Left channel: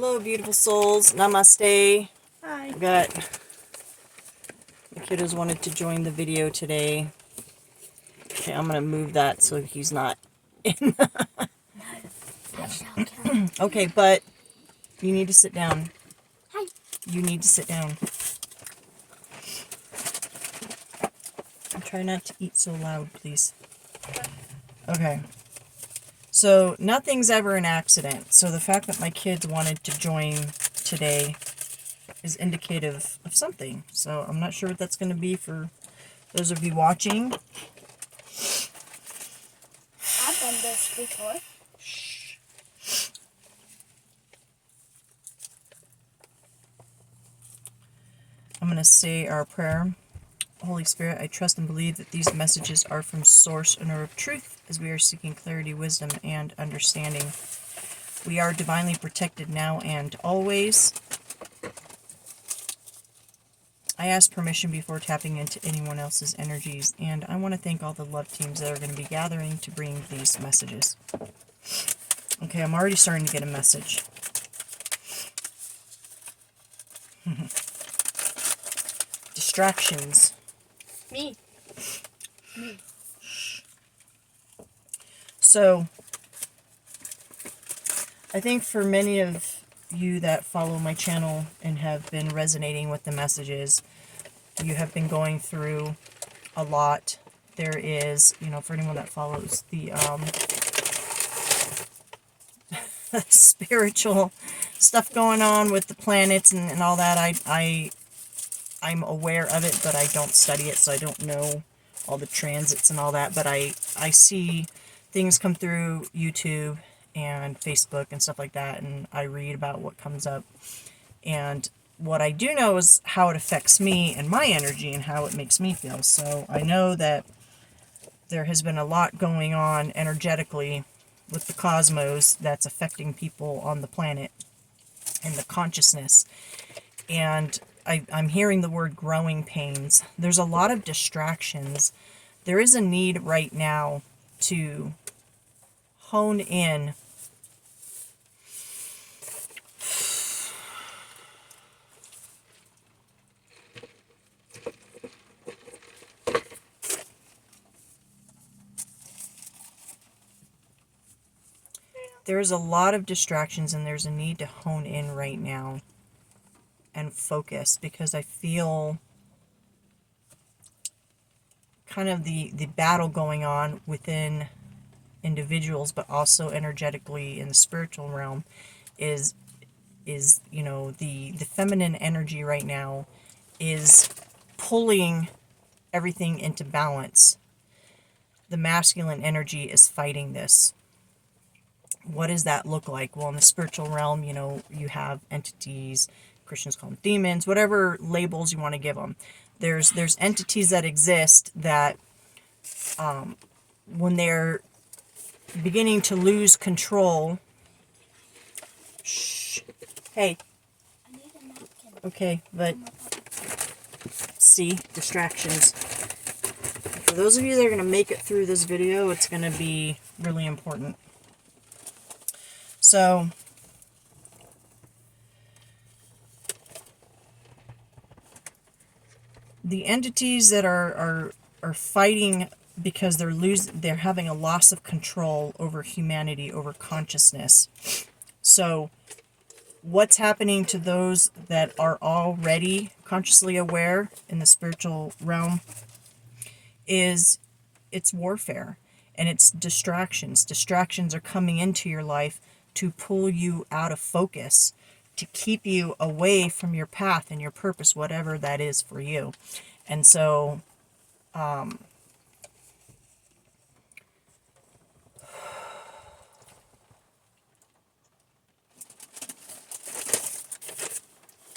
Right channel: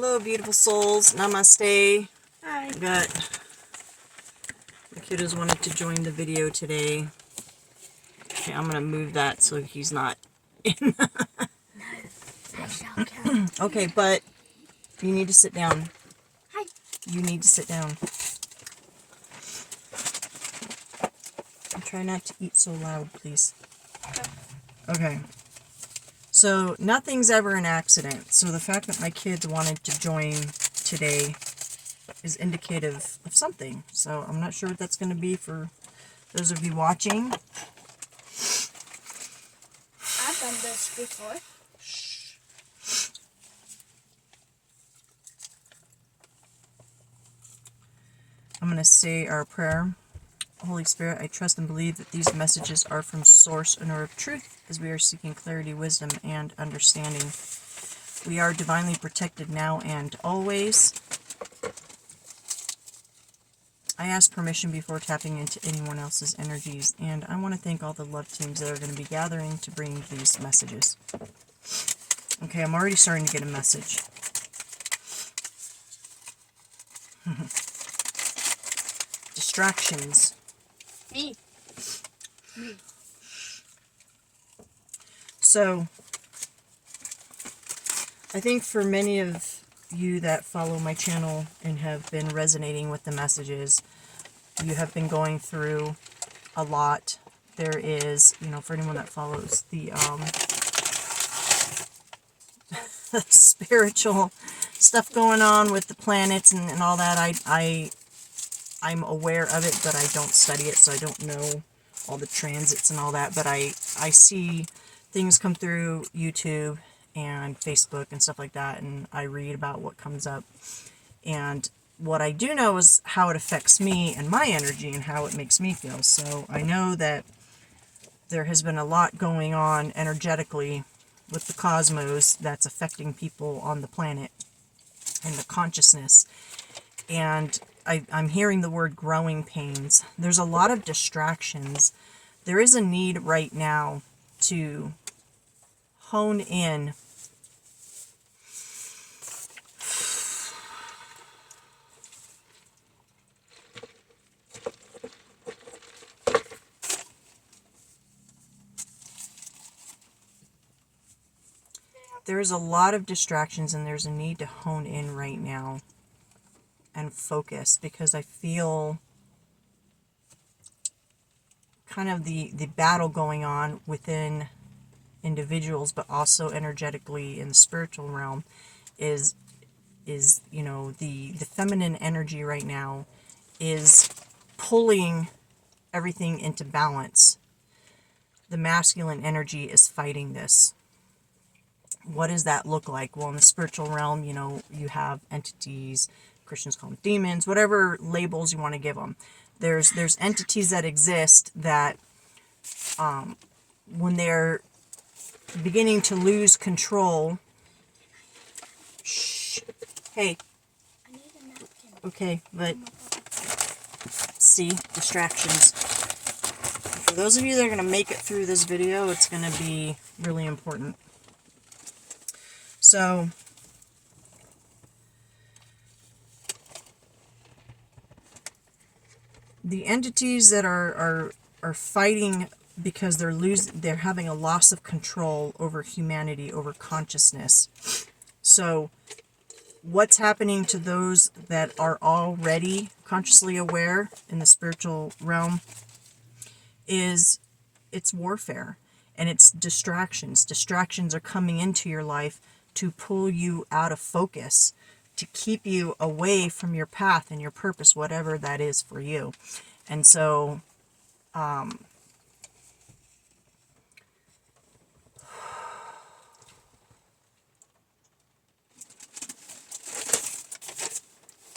Hello, beautiful souls. Namaste. Hi. Got the kiddos wanted to join the video today. Okay, I'm gonna move that so he's not in. Okay, but you need to sit down. Hi. You need to sit down. And try not to eat so loud, please. Okay. So nothing's ever an accident. So the fact that my kids wanted to join today is indicative of something. So I'm not sure what that's going to be for those of you watching. I've done this before. I'm going to say our prayer. Holy Spirit, I trust and believe that these messages are from source and are of truth as we are seeking clarity, wisdom, and understanding. We are divinely protected now and always. I ask permission before tapping into anyone else's energies, and I want to thank all the love teams that are going to be gathering to bring these messages. Okay, I'm already starting to get a message. Distractions. Me. So, I think for many of you that follow my channel and have been resonating with the messages, you have been going through a lot. There is, for anyone that follows the spiritual stuff going on with the planets and all that, I'm aware of it, but I don't study it, so I don't know all the transits and all that, but I see things come through YouTube and Facebook and stuff like that, and I read about what comes up. And what I do know is how it affects me and my energy and how it makes me feel. So I know that there has been a lot going on energetically with the cosmos that's affecting people on the planet and the consciousness. And I'm hearing the word growing pains. There's a lot of distractions. There is a need right now to hone in there's a lot of distractions, and there's a need to hone in right now and focus, because I feel kind of the battle going on within individuals, but also energetically in the spiritual realm is the feminine energy right now is pulling everything into balance. The masculine energy is fighting this. What does that look like? Well, in the spiritual realm, you have entities, Christians call them demons, whatever labels you want to give them. There's entities that exist that when they're beginning to lose control. Shh. Hey. I need a napkin. Okay, but see, distractions. For those of you that are going to make it through this video, it's going to be really important. So, the entities that are fighting because they're having a loss of control over humanity, over consciousness. So, what's happening to those that are already consciously aware in the spiritual realm is it's warfare, and it's distractions. Distractions are coming into your life to pull you out of focus, to keep you away from your path and your purpose, whatever that is for you. And so,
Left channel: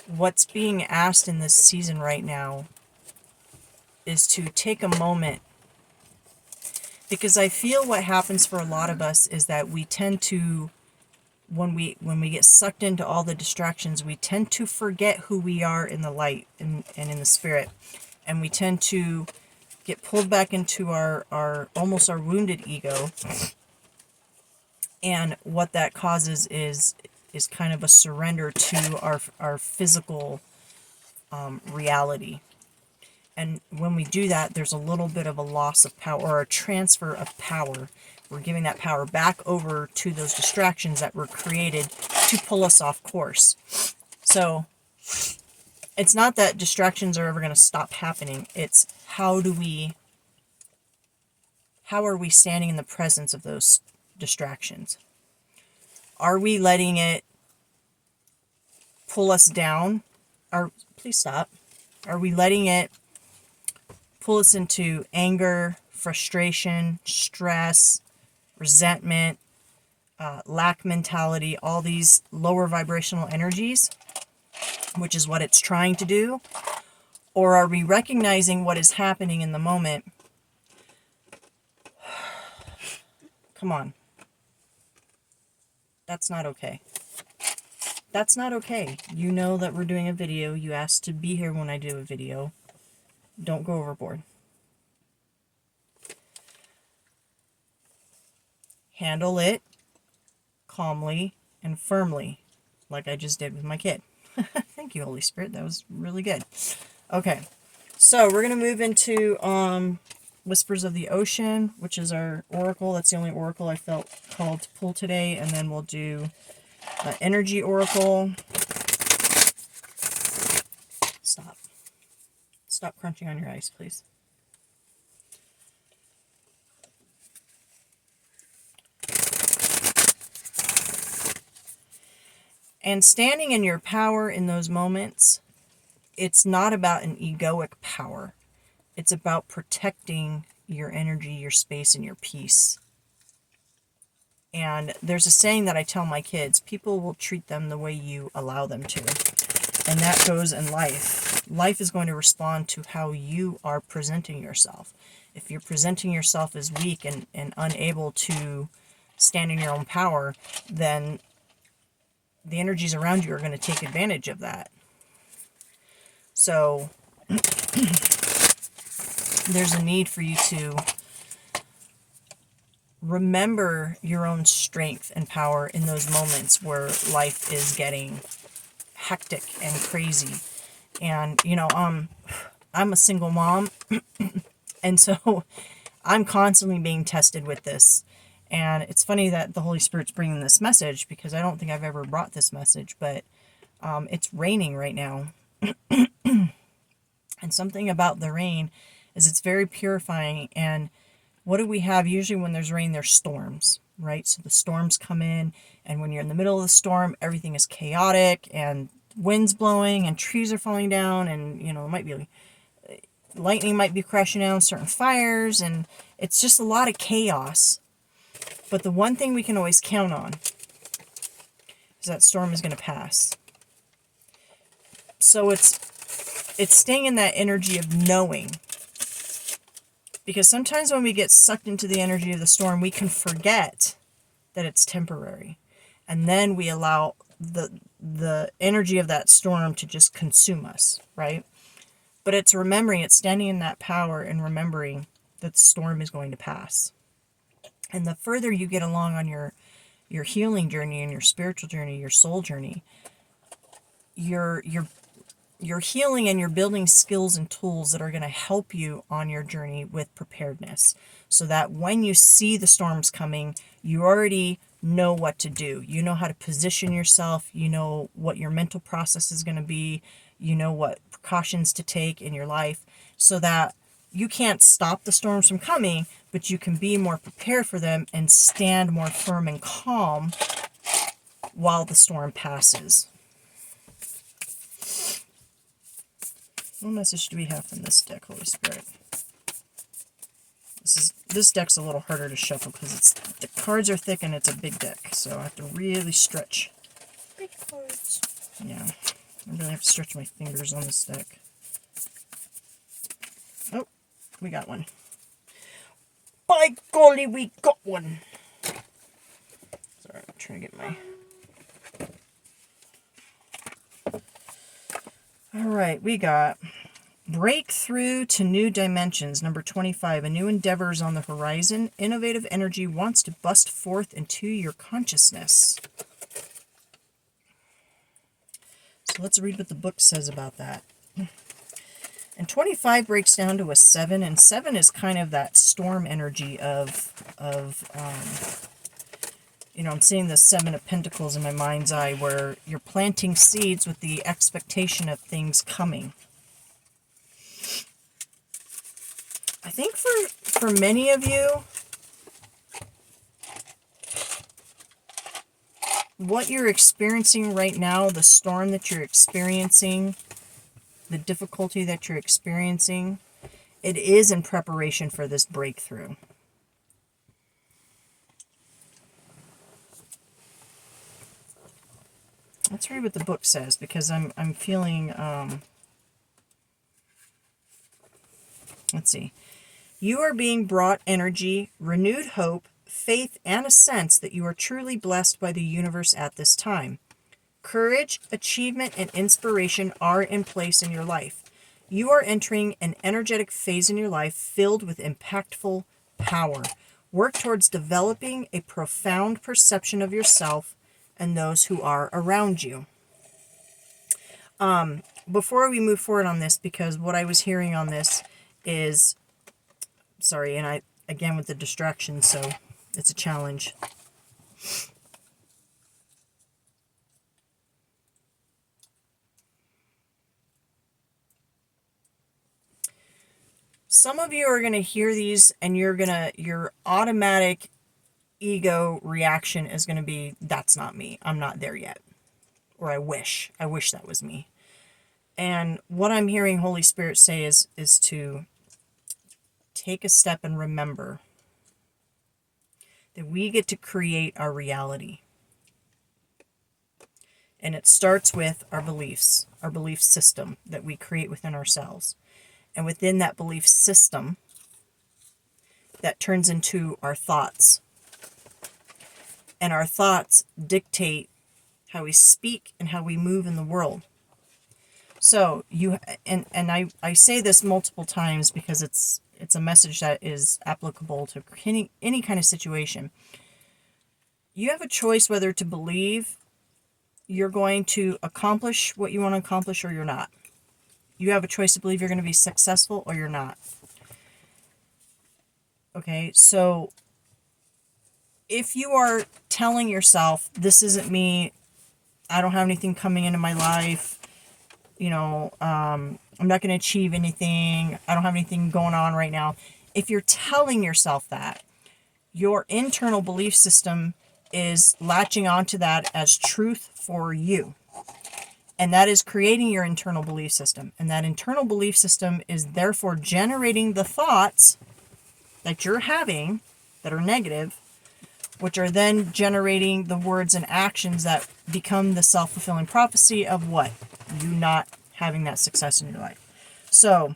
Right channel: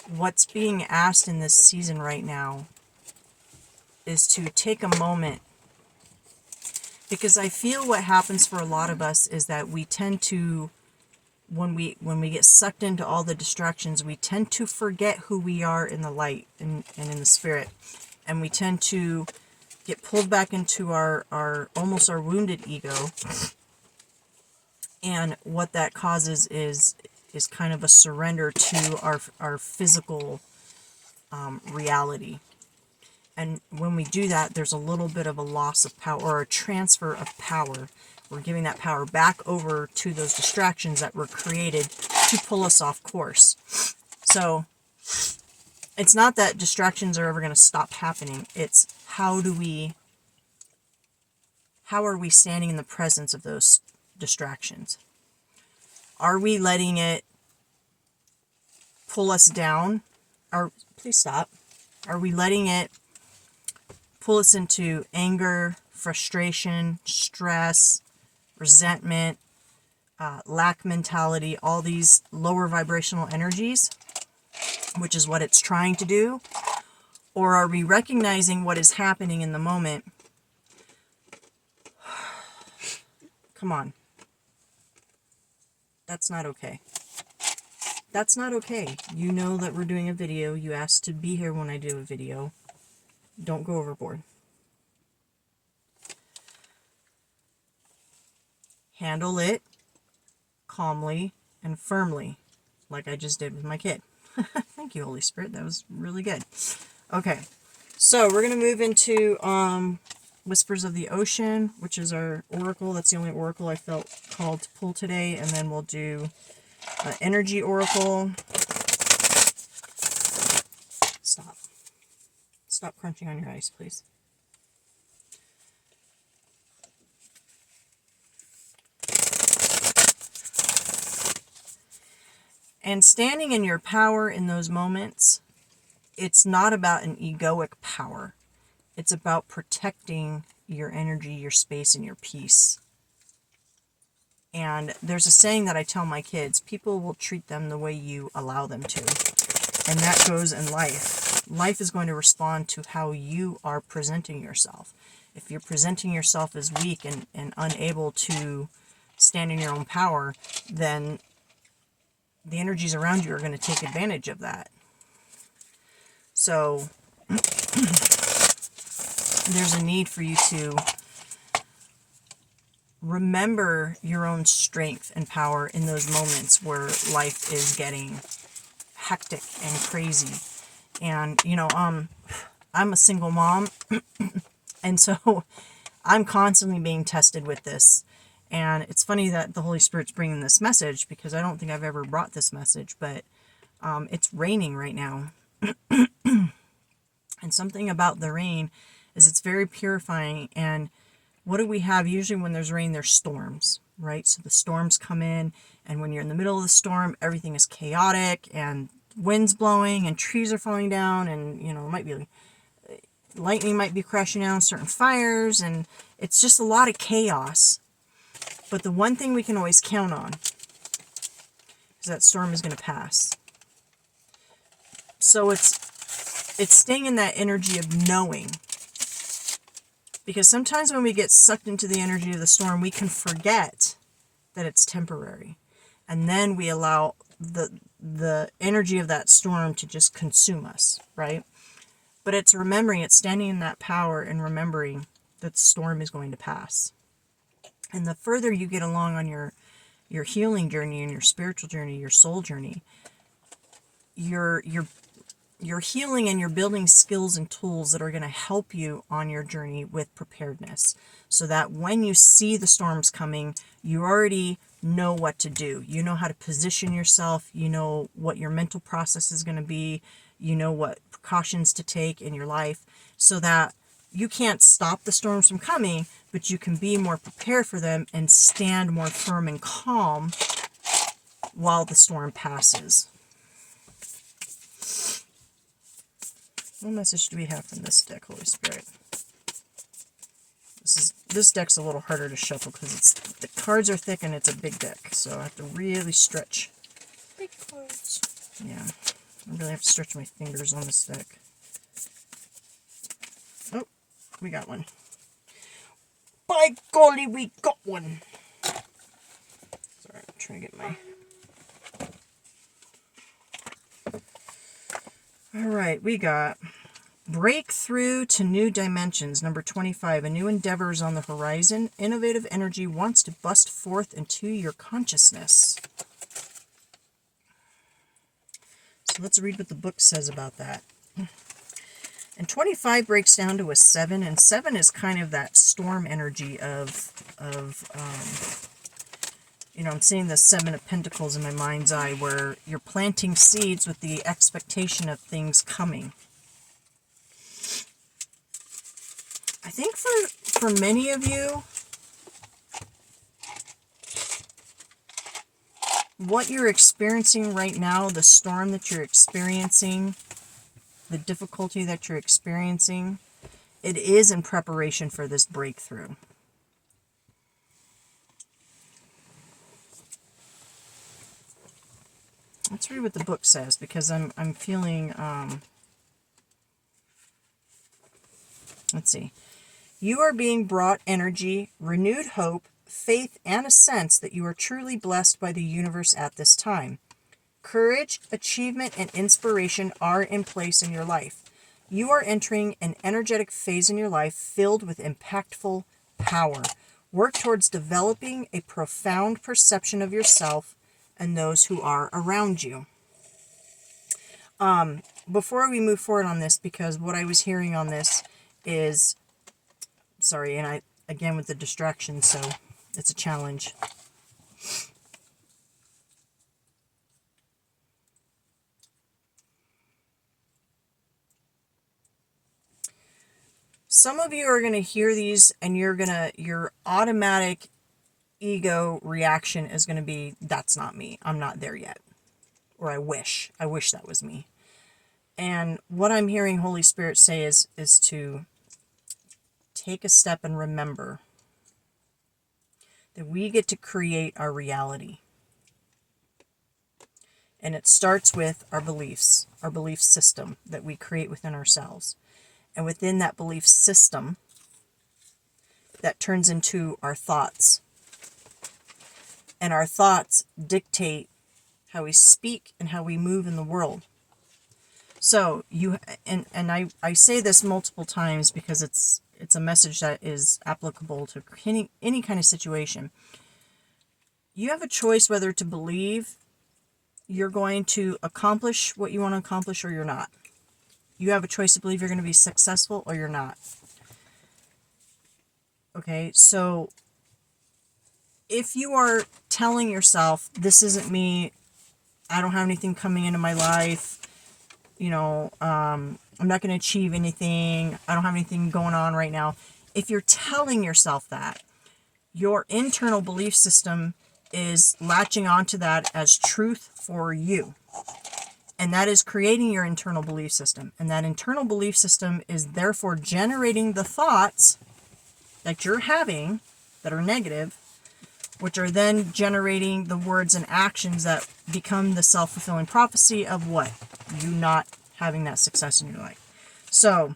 what's being asked in this season right now is to take a moment, because I feel what happens for a lot of us is that we tend to, when we get sucked into all the distractions, we tend to forget who we are in the light and in the spirit, and we tend to get pulled back into our almost our wounded ego. And what that causes is is kind of a surrender to our physical reality. And when we do that, there's a little bit of a loss of power or a transfer of power. We're giving that power back over to those distractions that were created to pull us off course. So it's not that distractions are ever going to stop happening. It's how are we standing in the presence of those distractions? Are we letting it pull us down? Please stop. Are we letting it pull us into anger, frustration, stress, resentment, lack mentality, all these lower vibrational energies, which is what it's trying to do? Or are we recognizing what is happening in the moment? Come on. That's not okay. That's not okay. You know that we're doing a video. You asked to be here when I do a video. Don't go overboard. Handle it calmly and firmly, like I just did with my kid. Thank you, Holy Spirit. That was really good. Okay, so we're going to move into Whispers of the Ocean, which is our oracle. That's the only oracle I felt called to pull today. And then we'll do Energy Oracle. Stop. Stop crunching on your ice, please. And standing in your power in those moments, it's not about an egoic power. It's about protecting your energy, your space, and your peace. And there's a saying that I tell my kids, people will treat them the way you allow them to. And that goes in life. Life is going to respond to how you are presenting yourself. If you're presenting yourself as weak and unable to stand in your own power, then the energies around you are going to take advantage of that. So there's a need for you to remember your own strength and power in those moments where life is getting hectic and crazy. And, you know, I'm a single mom, and so I'm constantly being tested with this. And it's funny that the Holy Spirit's bringing this message, because I don't think I've ever brought this message, but it's raining right now. And something about the rain is it's very purifying. And what do we have? Usually when there's rain, there's storms, right? So the storms come in, and when you're in the middle of the storm, everything is chaotic, and wind's blowing, and trees are falling down, and, you know, it might be lightning might be crashing down certain fires, and it's just a lot of chaos. But the one thing we can always count on is that storm is going to pass. So it's staying in that energy of knowing. Because sometimes when we get sucked into the energy of the storm, we can forget that it's temporary. And then we allow the energy of that storm to just consume us, right? But it's remembering, it's standing in that power and remembering that the storm is going to pass. And the further you get along on your healing journey and your spiritual journey, your soul journey, you're healing and you're building skills and tools that are going to help you on your journey with preparedness. So that when you see the storms coming, you already know what to do. You know how to position yourself. You know what your mental process is going to be. You know what precautions to take in your life, so that you can't stop the storms from coming, but you can be more prepared for them and stand more firm and calm while the storm passes. What message do we have from this deck, Holy Spirit? This deck's a little harder to shuffle because the cards are thick and it's a big deck, so I have to really stretch. Big cards. Yeah, I really have to stretch my fingers on this deck. Oh, we got one. By golly, we got one. Sorry, I'm trying to get my... Alright, we got Breakthrough to New Dimensions, number 25. A new endeavor is on the horizon. Innovative energy wants to bust forth into your consciousness. So let's read what the book says about that. And 25 breaks down to a 7, and 7 is kind of that storm energy of you know, I'm seeing the 7 of Pentacles in my mind's eye, where you're planting seeds with the expectation of things coming. I think for many of you, what you're experiencing right now, the storm that you're experiencing, the difficulty that you're experiencing, it is in preparation for this breakthrough. Let's read what the book says, because I'm feeling, let's see. You are being brought energy, renewed hope, faith, and a sense that you are truly blessed by the universe at this time. Courage, achievement, and inspiration are in place in your life. You are entering an energetic phase in your life filled with impactful power. Work towards developing a profound perception of yourself and those who are around you. Before we move forward on this, because what I was hearing on this is, sorry, and I, again, with the distractions, so it's a challenge. Some of you are going to hear these and your automatic ego reaction is going to be, that's not me. I'm not there yet. Or I wish that was me. And what I'm hearing Holy Spirit say is to take a step and remember that we get to create our reality. And it starts with our beliefs, our belief system that we create within ourselves. And within that belief system, that turns into our thoughts. And our thoughts dictate how we speak and how we move in the world. So I say this multiple times because it's a message that is applicable to any kind of situation. You have a choice whether to believe you're going to accomplish what you want to accomplish or you're not. You have a choice to believe you're going to be successful or you're not. Okay, so if you are telling yourself, this isn't me, I don't have anything coming into my life, you know, I'm not going to achieve anything, I don't have anything going on right now. If you're telling yourself that, your internal belief system is latching onto that as truth for you. And that is creating your internal belief system. And that internal belief system is therefore generating the thoughts that you're having that are negative, which are then generating the words and actions that become the self-fulfilling prophecy of what? You not having that success in your life. So,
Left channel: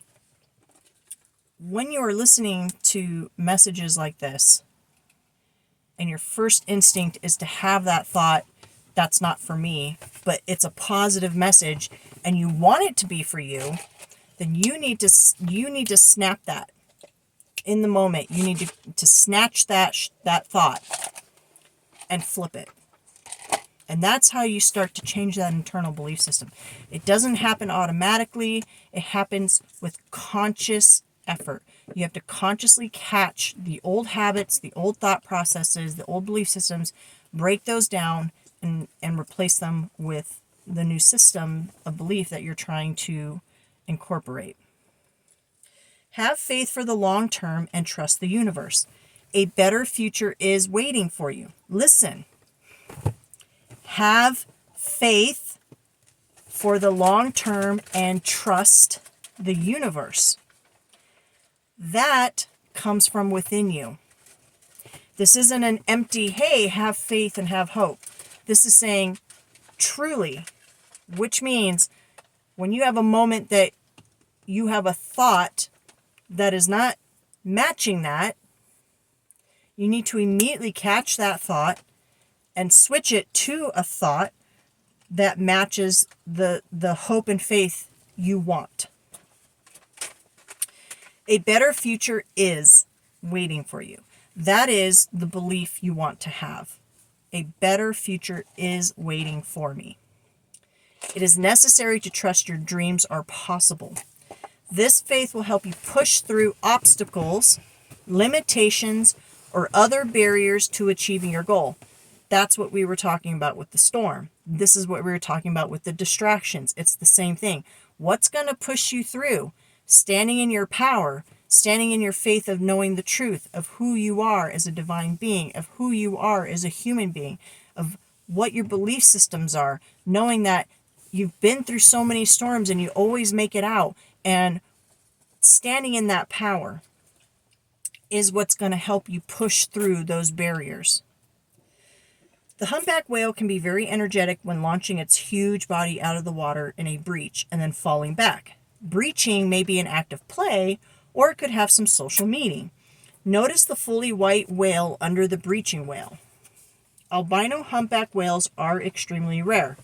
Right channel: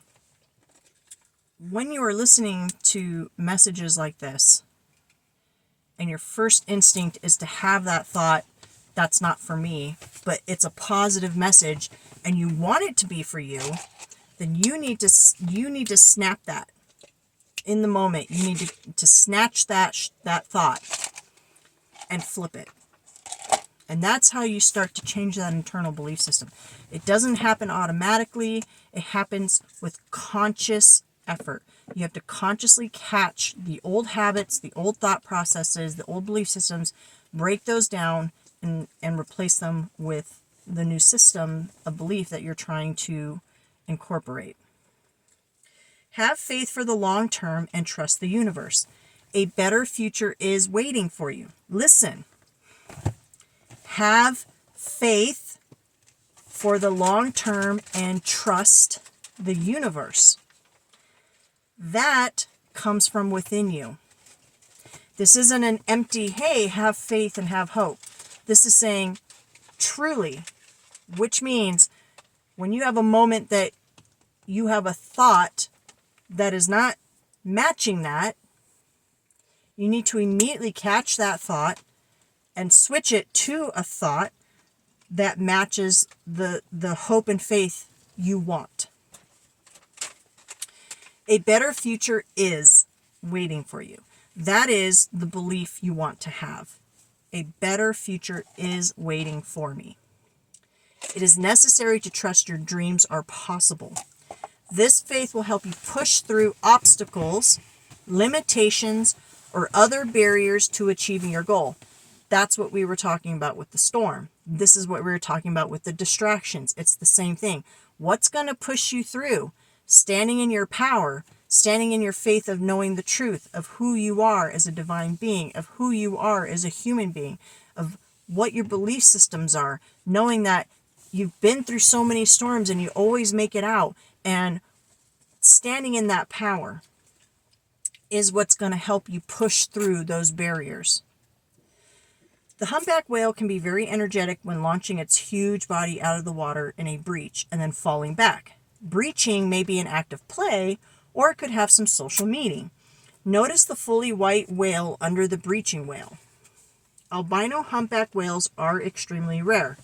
when you are listening to messages like this, and your first instinct is to have that thought, that's not for me, but it's a positive message, and you want it to be for you, then you need to snap that in the moment. You need to snatch that thought and flip it. And that's how you start to change that internal belief system. It doesn't happen automatically. It happens with conscious effort. You have to consciously catch the old habits, the old thought processes, the old belief systems, break those down, and replace them with the new system of belief that you're trying to incorporate. Have faith for the long term and trust the universe. A better future is waiting for you. Listen. Have faith for the long term and trust the universe. That comes from within you. This isn't an empty, hey, have faith and have hope. This is saying truly, which means when you have a moment that you have a thought that is not matching that, you need to immediately catch that thought and switch it to a thought that matches the hope and faith you want. A better future is waiting for you. That is the belief you want to have. A better future is waiting for me. It is necessary to trust your dreams are possible. This faith will help you push through obstacles, limitations, or other barriers to achieving your goal. That's what we were talking about with the storm. This is what we were talking about with the distractions. It's the same thing. What's going to push you through? Standing in your power, standing in your faith of knowing the truth of who you are as a divine being, of who you are as a human being, of what your belief systems are, knowing that you've been through so many storms and you always make it out, and standing in that power is what's going to help you push through those barriers. The humpback whale can be very energetic when launching its huge body out of the water in a breach and then falling back. Breaching may be an act of play, or it could have some social meaning. Notice the fully white whale under the breaching whale. Albino humpback whales are extremely rare.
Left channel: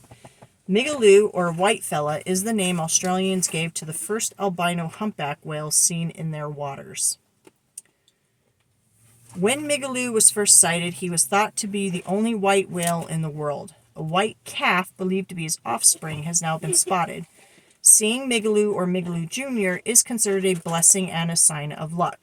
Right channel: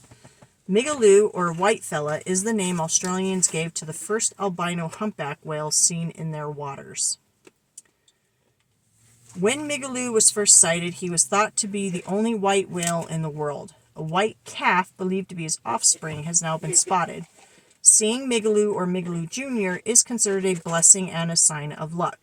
Migaloo, or whitefella, is the name Australians gave to the first albino humpback whale seen in their waters. When Migaloo was first sighted, he was thought to be the only white whale in the world. A white calf, believed to be his offspring, has now been spotted. Seeing Migaloo or Migaloo Jr. is considered a blessing and a sign of luck.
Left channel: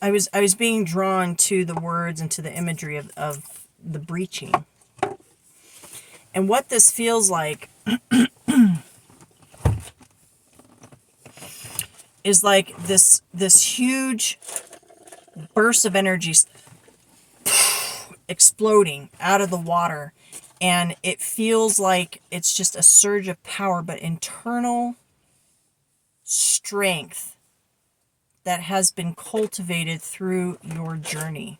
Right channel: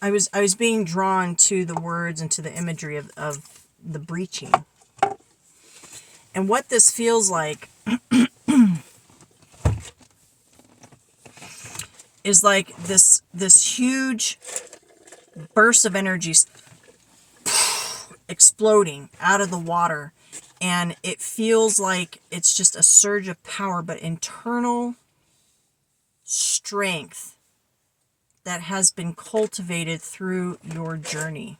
I was being drawn to the words and to the imagery of the breaching. And what this feels like is like this huge burst of energy exploding out of the water, and it feels like it's just a surge of power, but internal strength that has been cultivated through your journey.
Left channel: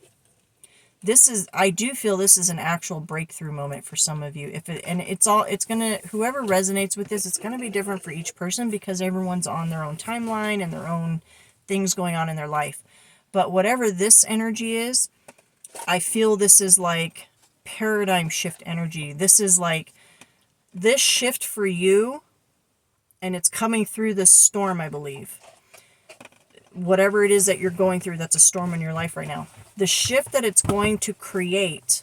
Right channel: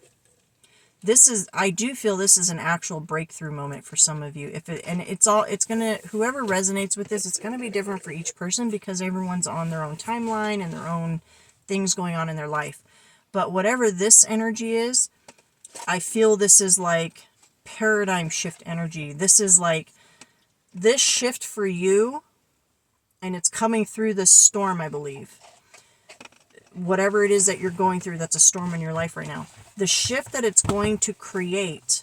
I do feel this is an actual breakthrough moment for some of you. Whoever resonates with this, it's gonna be different for each person because everyone's on their own timeline and their own things going on in their life. But whatever this energy is, I feel this is like paradigm shift energy. This is like this shift for you, and it's coming through this storm, I believe. Whatever it is that you're going through that's a storm in your life right now, the shift that it's going to create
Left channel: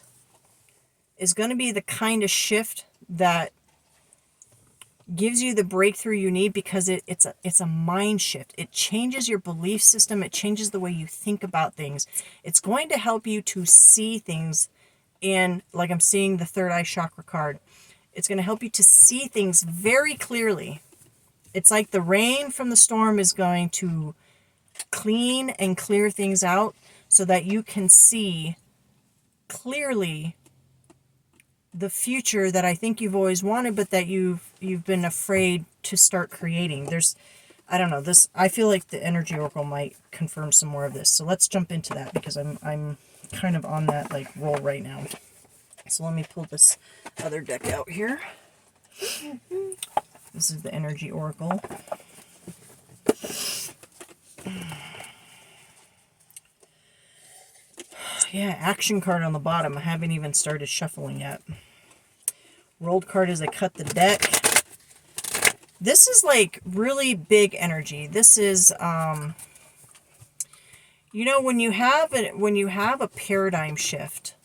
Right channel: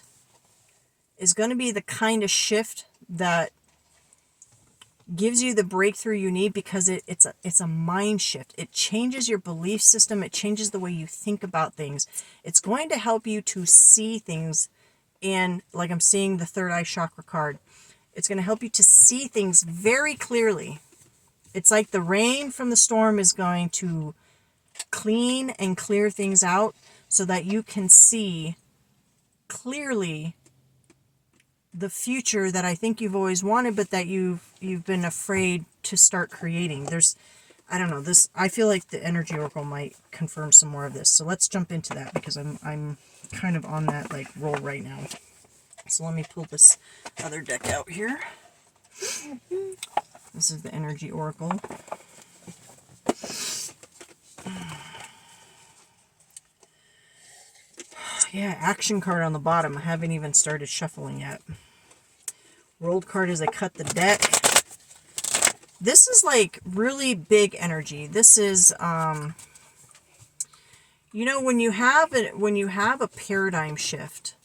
is going to be the kind of shift that gives you the breakthrough you need, because it's a mind shift. It changes your belief system. It changes the way you think about things. It's going to help you to see things in, like I'm seeing the third eye chakra card. It's going to help you to see things very clearly. It's like the rain from the storm is going to clean and clear things out so that you can see clearly the future that I think you've always wanted, but that you've been afraid to start creating. I don't know, I feel like the energy oracle might confirm some more of this. So let's jump into that, because I'm kind of on that like roll right now. So let me pull this other deck out here. This is the energy oracle. Yeah, action card on the bottom. I haven't even started shuffling yet. Rolled card as I cut the deck. This is like really big energy. This is, when you have a paradigm shift,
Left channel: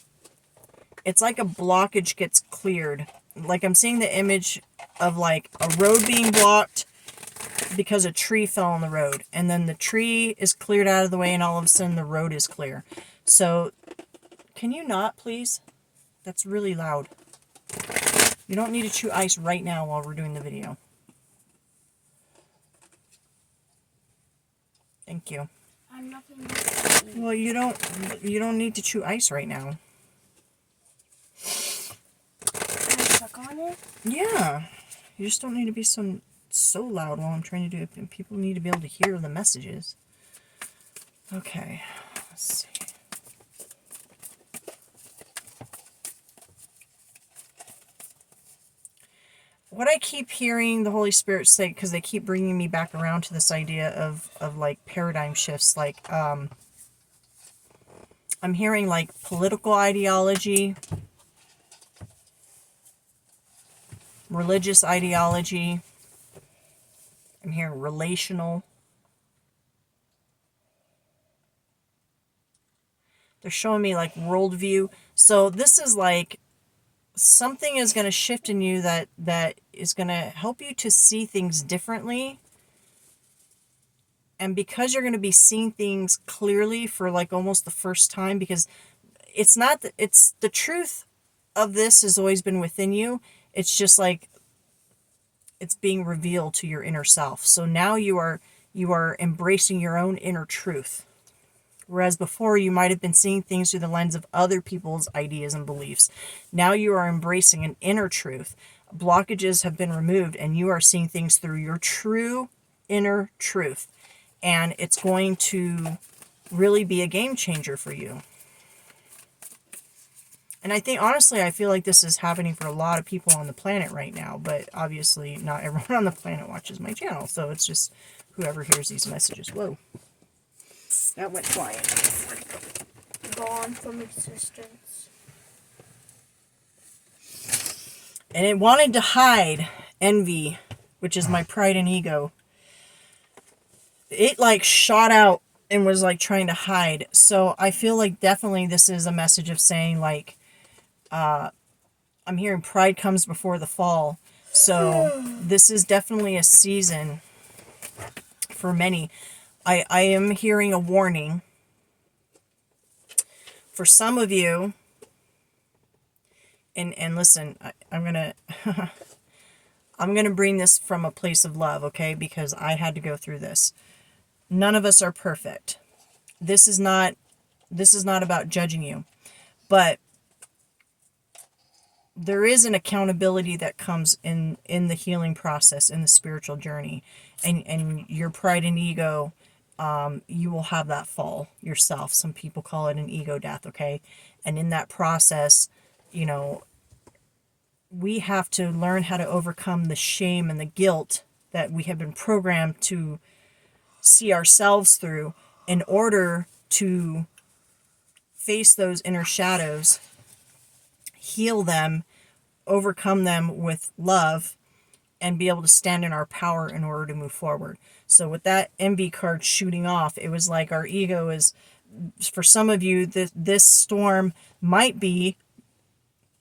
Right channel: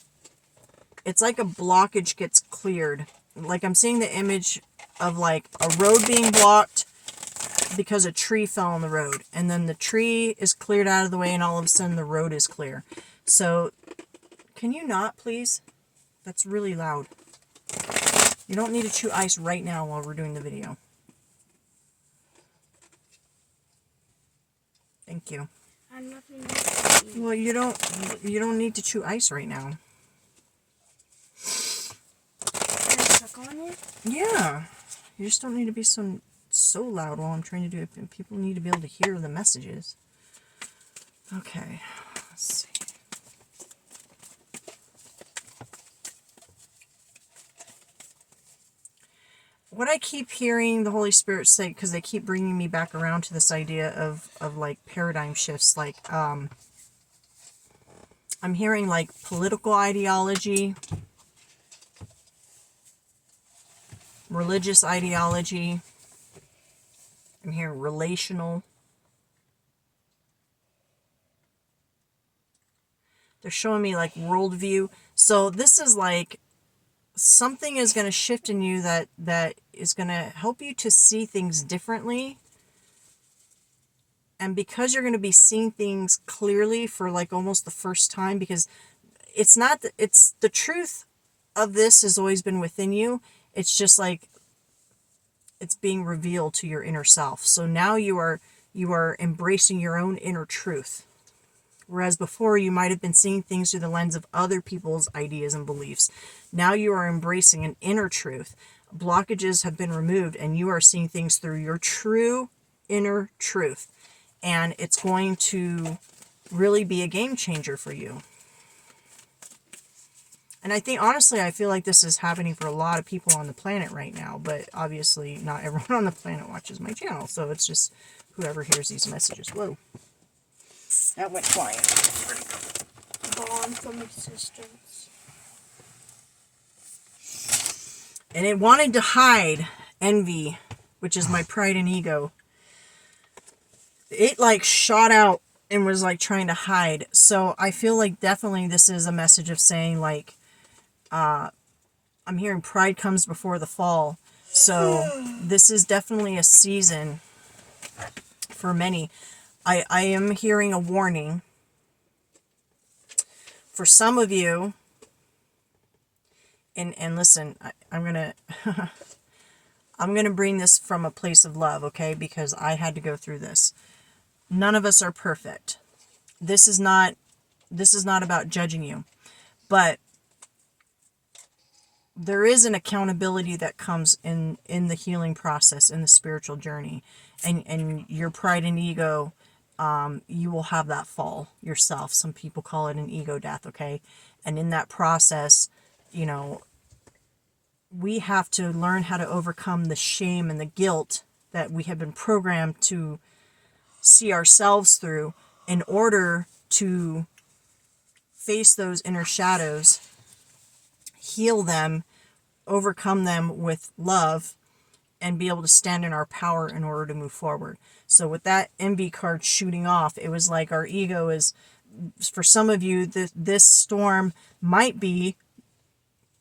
it's like a blockage gets cleared. Like I'm seeing the image of like a road being blocked because a tree fell on the road, and then the tree is cleared out of the way, and all of a sudden the road is clear. So, can you not, please? That's really loud. You don't need to chew ice right now while we're doing the video. Thank you. I'm nothing. Well, you don't need to chew ice right now. Can I suck on it? Yeah. You just don't need to be so loud while I'm trying to do it. And people need to be able to hear the messages. Okay. Let's see. What I keep hearing the Holy Spirit say, because they keep bringing me back around to this idea of like paradigm shifts, like I'm hearing like political ideology, religious ideology. I'm hearing relational. They're showing me like worldview. So this is like something is going to shift in you that is going to help you to see things differently. And because you're going to be seeing things clearly for like almost the first time, because it's not, it's the truth of this has always been within you. It's just like it's being revealed to your inner self. So now you are embracing your own inner truth. Whereas before you might have been seeing things through the lens of other people's ideas and beliefs. Now you are embracing an inner truth. Blockages have been removed and you are seeing things through your true inner truth. And it's going to really be a game changer for you. And I think, honestly, I feel like this is happening for a lot of people on the planet right now. But obviously not everyone on the planet watches my channel. So it's just whoever hears these messages. Whoa. That went flying. Gone from existence. And it wanted to hide envy, which is my pride and ego. It like shot out and was like trying to hide. So I feel like definitely this is a message of saying like, I'm hearing pride comes before the fall. So this is definitely a season for many. I am hearing a warning for some of you. And listen, I'm going to, I'm going to bring this from a place of love, okay? Because I had to go through this. None of us are perfect. This is not about judging you, but there is an accountability that comes in the healing process, in the spiritual journey, and your pride and ego, you will have that fall yourself. Some people call it an ego death, okay? And in that process, you know, we have to learn how to overcome the shame and the guilt that we have been programmed to see ourselves through in order to face those inner shadows, heal them, overcome them with love, and be able to stand in our power in order to move forward. So with that envy card shooting off, it was like our ego is, for some of you, this storm might be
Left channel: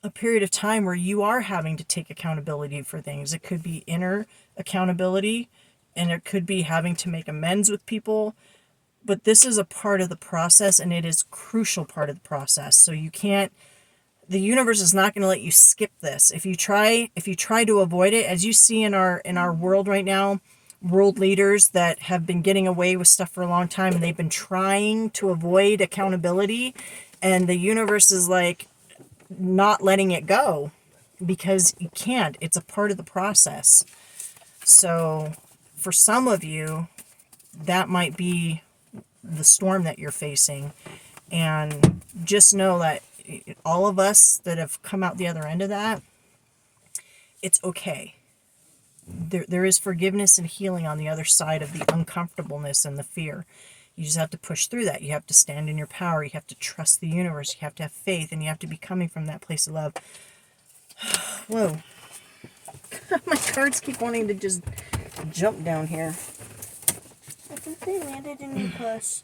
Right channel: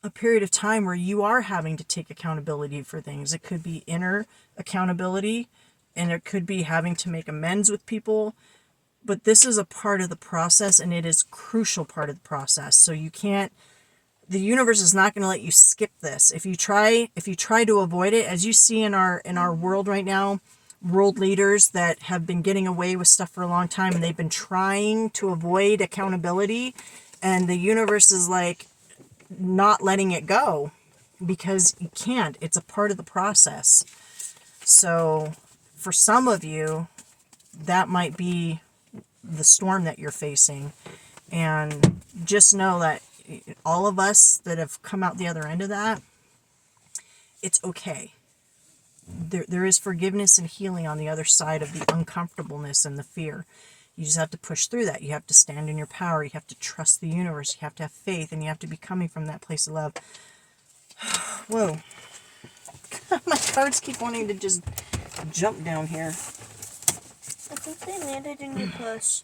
a period of time where you are having to take accountability for things. It could be inner accountability, and it could be having to make amends with people. But this is a part of the process, and it is a crucial part of the process. So you can't, the universe is not going to let you skip this. If you try to avoid it, as you see in our world right now, world leaders that have been getting away with stuff for a long time, and they've been trying to avoid accountability, and the universe is like not letting it go because you can't. It's a part of the process. So for some of you, that might be the storm that you're facing. And just know that all of us that have come out the other end of that, it's okay. There is forgiveness and healing on the other side of the uncomfortableness and the fear. You just have to push through that. You have to stand in your power. You have to trust the universe. You have to have faith, and you have to be coming from that place of love. Whoa. My cards keep wanting to just jump down here. I think they landed in your purse.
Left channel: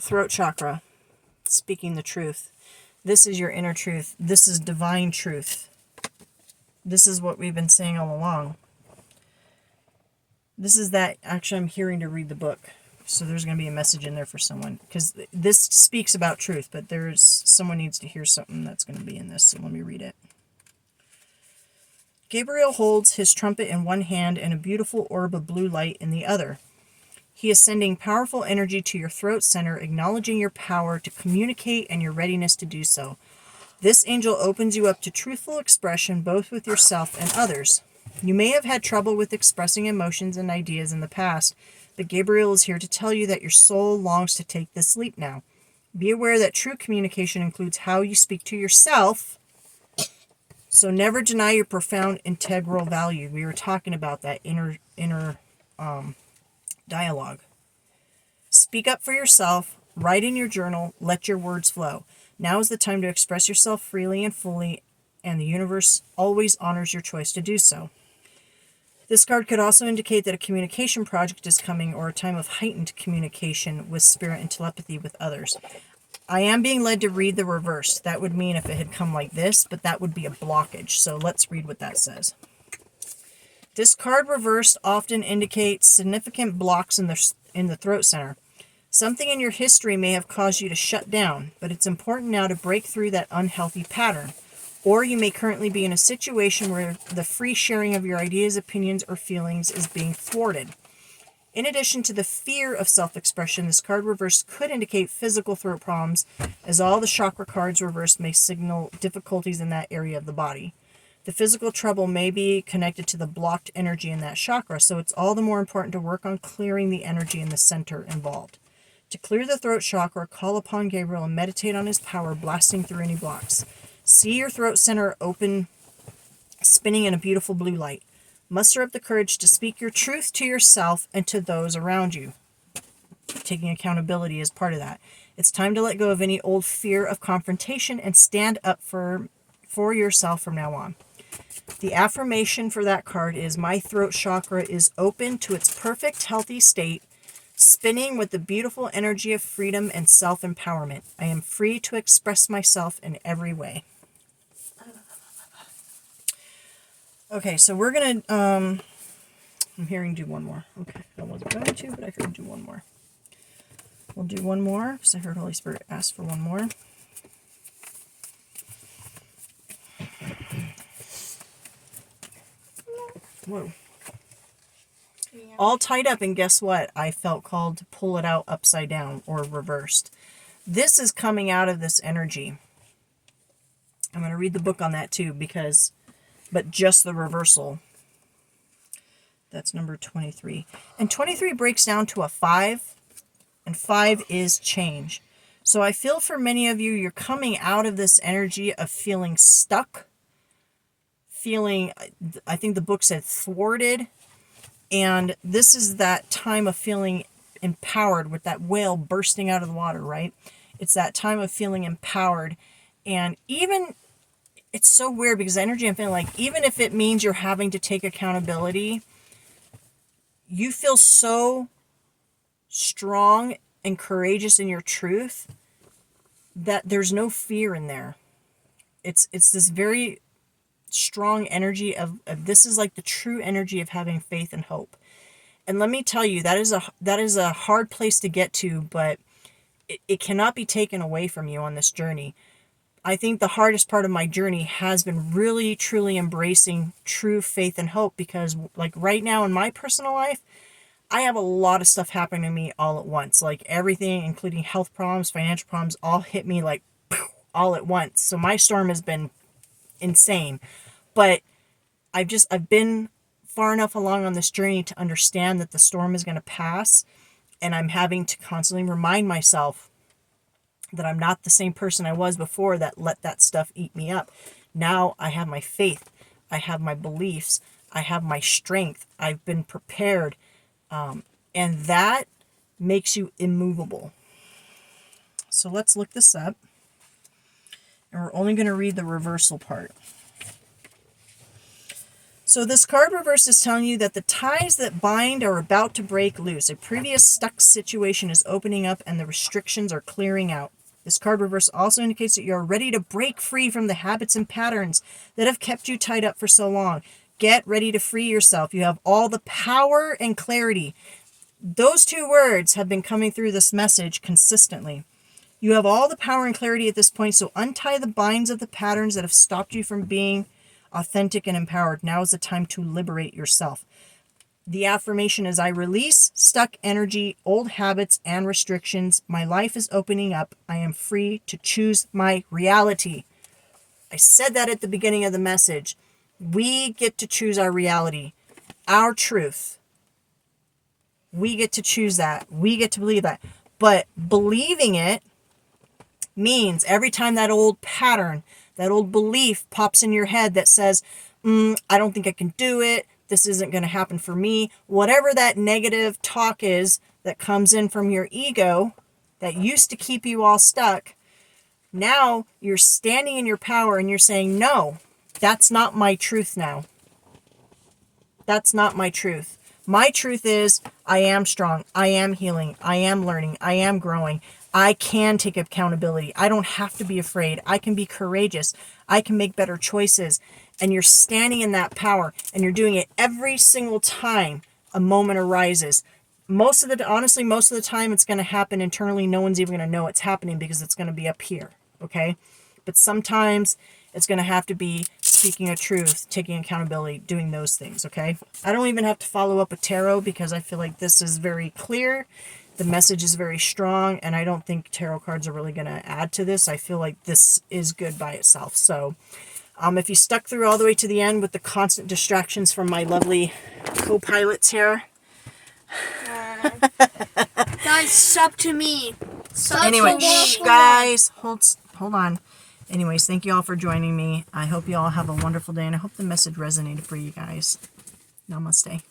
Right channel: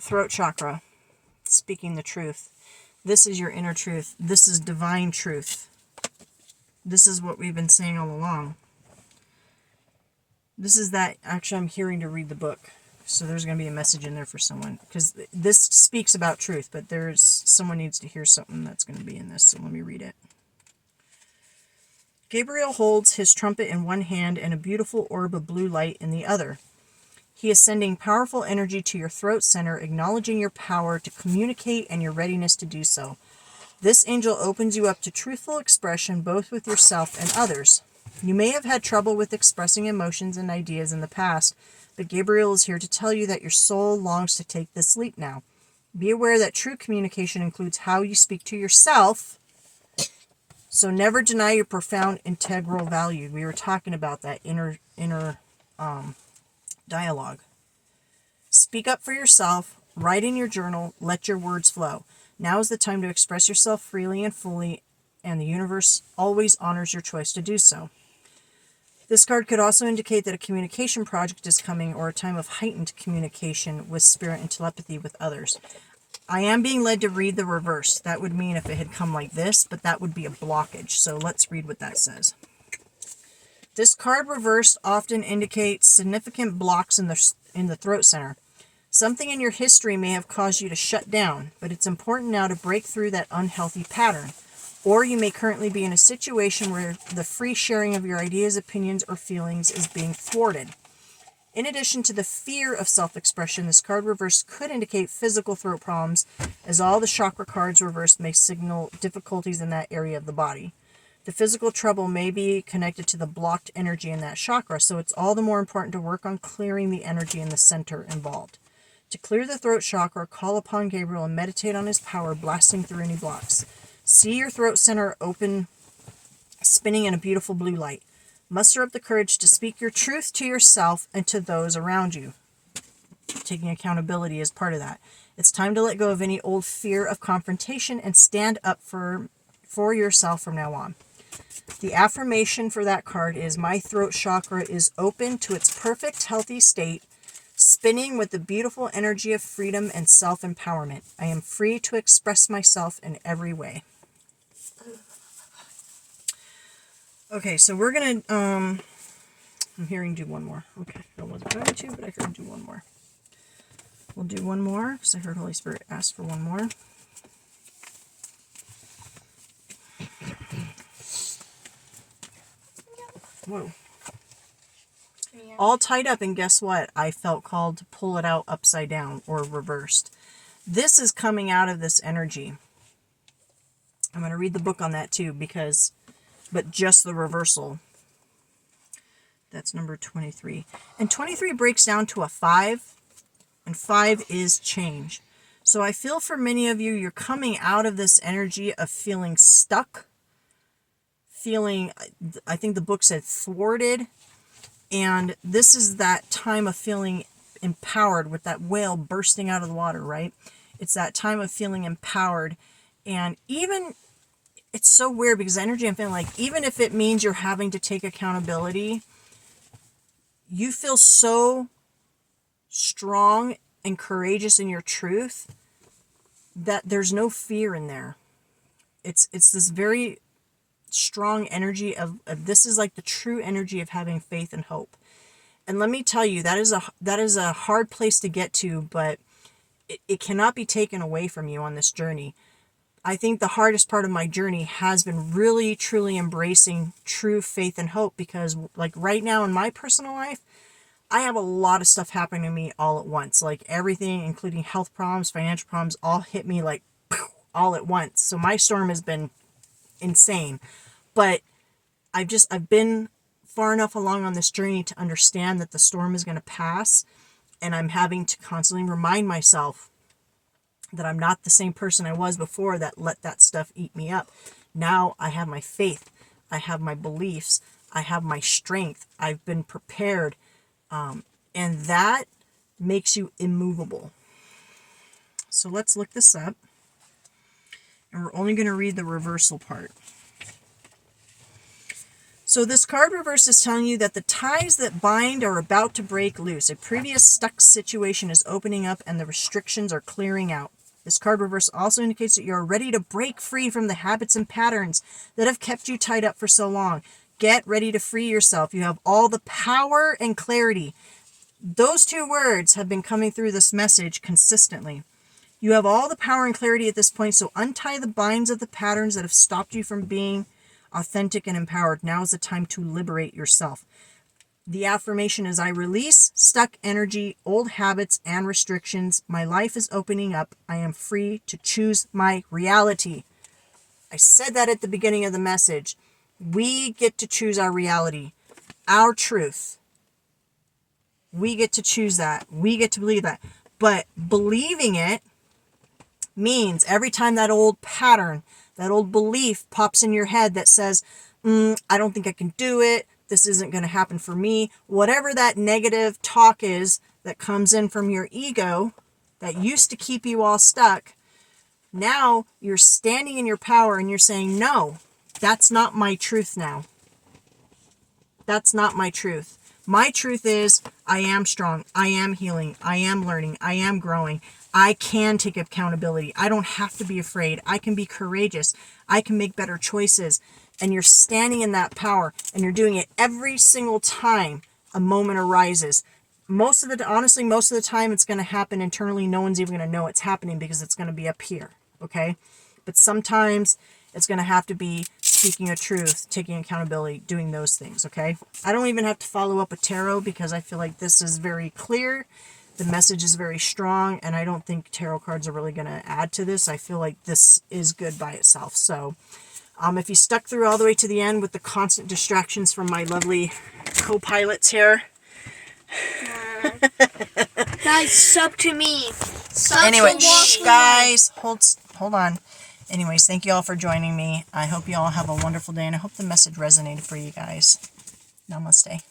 Throat chakra. Speaking the truth. This is your inner truth. This is divine truth. This is what we've been saying all along. This is that, actually I'm hearing to read the book. So there's going to be a message in there for someone. Because this speaks about truth, but someone needs to hear something that's going to be in this. So let me read it. Gabriel holds his trumpet in one hand and a beautiful orb of blue light in the other. He is sending powerful energy to your throat center, acknowledging your power to communicate and your readiness to do so. This angel opens you up to truthful expression both with yourself and others. You may have had trouble with expressing emotions and ideas in the past, but Gabriel is here to tell you that your soul longs to take this leap now. Be aware that true communication includes how you speak to yourself, so never deny your profound integral value. We were talking about that inner dialogue. Speak up for yourself, write in your journal, let your words flow. Now is the time to express yourself freely and fully, and the universe always honors your choice to do so. This card could also indicate that a communication project is coming or a time of heightened communication with spirit and telepathy with others. I am being led to read the reverse. That would mean if it had come like this, but that would be a blockage. So let's read what that says. This card reversed often indicates significant blocks in the throat center. Something in your history may have caused you to shut down, but it's important now to break through that unhealthy pattern. Or you may currently be in a situation where the free sharing of your ideas, opinions, or feelings is being thwarted. In addition to the fear of self-expression, this card reversed could indicate physical throat problems, as all the chakra cards reversed may signal difficulties in that area of the body. The physical trouble may be connected to the blocked energy in that chakra, so it's all the more important to work on clearing the energy in the center involved. To clear the throat chakra, call upon Gabriel and meditate on his power, blasting through any blocks. See your throat center open, spinning in a beautiful blue light. Muster up the courage to speak your truth to yourself and to those around you. Taking accountability is part of that. It's time to let go of any old fear of confrontation and stand up for yourself from now on. The affirmation for that card is, my throat chakra is open to its perfect, healthy state, spinning with the beautiful energy of freedom and self-empowerment. I am free to express myself in every way. Okay, so we're going to, I'm hearing do one more. Okay, I wasn't going to, but I heard do one more. We'll do one more, because I heard Holy Spirit ask for one more. Whoa. Yeah. All tied up, and guess what? I felt called to pull it out upside down or reversed. This is coming out of this energy. I'm going to read the book on that too, but just the reversal. That's number 23. And 23 breaks down to a 5, and 5 is change. So I feel for many of you, you're coming out of this energy of feeling stuck, feeling, I think the book said thwarted, and this is that time of feeling empowered with that whale bursting out of the water, right? It's that time of feeling empowered, and even, it's so weird because energy, I'm feeling like, even if it means you're having to take accountability, you feel so strong and courageous in your truth that there's no fear in there. It's this very strong energy of this is like the true energy of having faith and hope. And let me tell you, that is a hard place to get to, but it cannot be taken away from you on this journey. I think the hardest part of my journey has been really, truly embracing true faith and hope, because like right now in my personal life, I have a lot of stuff happening to me all at once. Like everything, including health problems, financial problems, all hit me like all at once. So my storm has been insane. But I've been far enough along on this journey to understand that the storm is going to pass. And I'm having to constantly remind myself that I'm not the same person I was before that let that stuff eat me up. Now I have my faith. I have my beliefs. I have my strength. I've been prepared. And that makes you immovable. So let's look this up. And we're only going to read the reversal part. So this card reverse is telling you that the ties that bind are about to break loose. A previous stuck situation is opening up and the restrictions are clearing out. This card reverse also indicates that you're ready to break free from the habits and patterns that have kept you tied up for so long. Get ready to free yourself. You have all the power and clarity. Those two words have been coming through this message consistently. You have all the power and clarity at this point, so untie the binds of the patterns that have stopped you from being authentic and empowered. Now is the time to liberate yourself. The affirmation is, I release stuck energy, old habits, and restrictions. My life is opening up. I am free to choose my reality. I said that at the beginning of the message. We get to choose our reality, our truth. We get to choose that. We get to believe that. But believing it means every time that old pattern, that old belief pops in your head that says, I don't think I can do it. This isn't going to happen for me. Whatever that negative talk is that comes in from your ego that used to keep you all stuck, now you're standing in your power and you're saying, no, that's not my truth now. That's not my truth. My truth is I am strong. I am healing. I am learning. I am growing. I can take accountability. I don't have to be afraid. I can be courageous. I can make better choices. And you're standing in that power, and you're doing it every single time a moment arises. Most of the time it's going to happen internally. No one's even going to know it's happening because it's going to be up here. Okay. But sometimes it's going to have to be speaking a truth, taking accountability, doing those things. Okay. I don't even have to follow up with tarot because I feel like this is very clear. The message is very strong, and I don't think tarot cards are really going to add to this. I feel like this is good by itself. So if you stuck through all the way to the end with the constant distractions from my lovely co-pilots here. Guys, sub to me. Anyway, guys, hold on. Anyways, thank you all for joining me. I hope you all have a wonderful day, and I hope the message resonated for you guys. Namaste.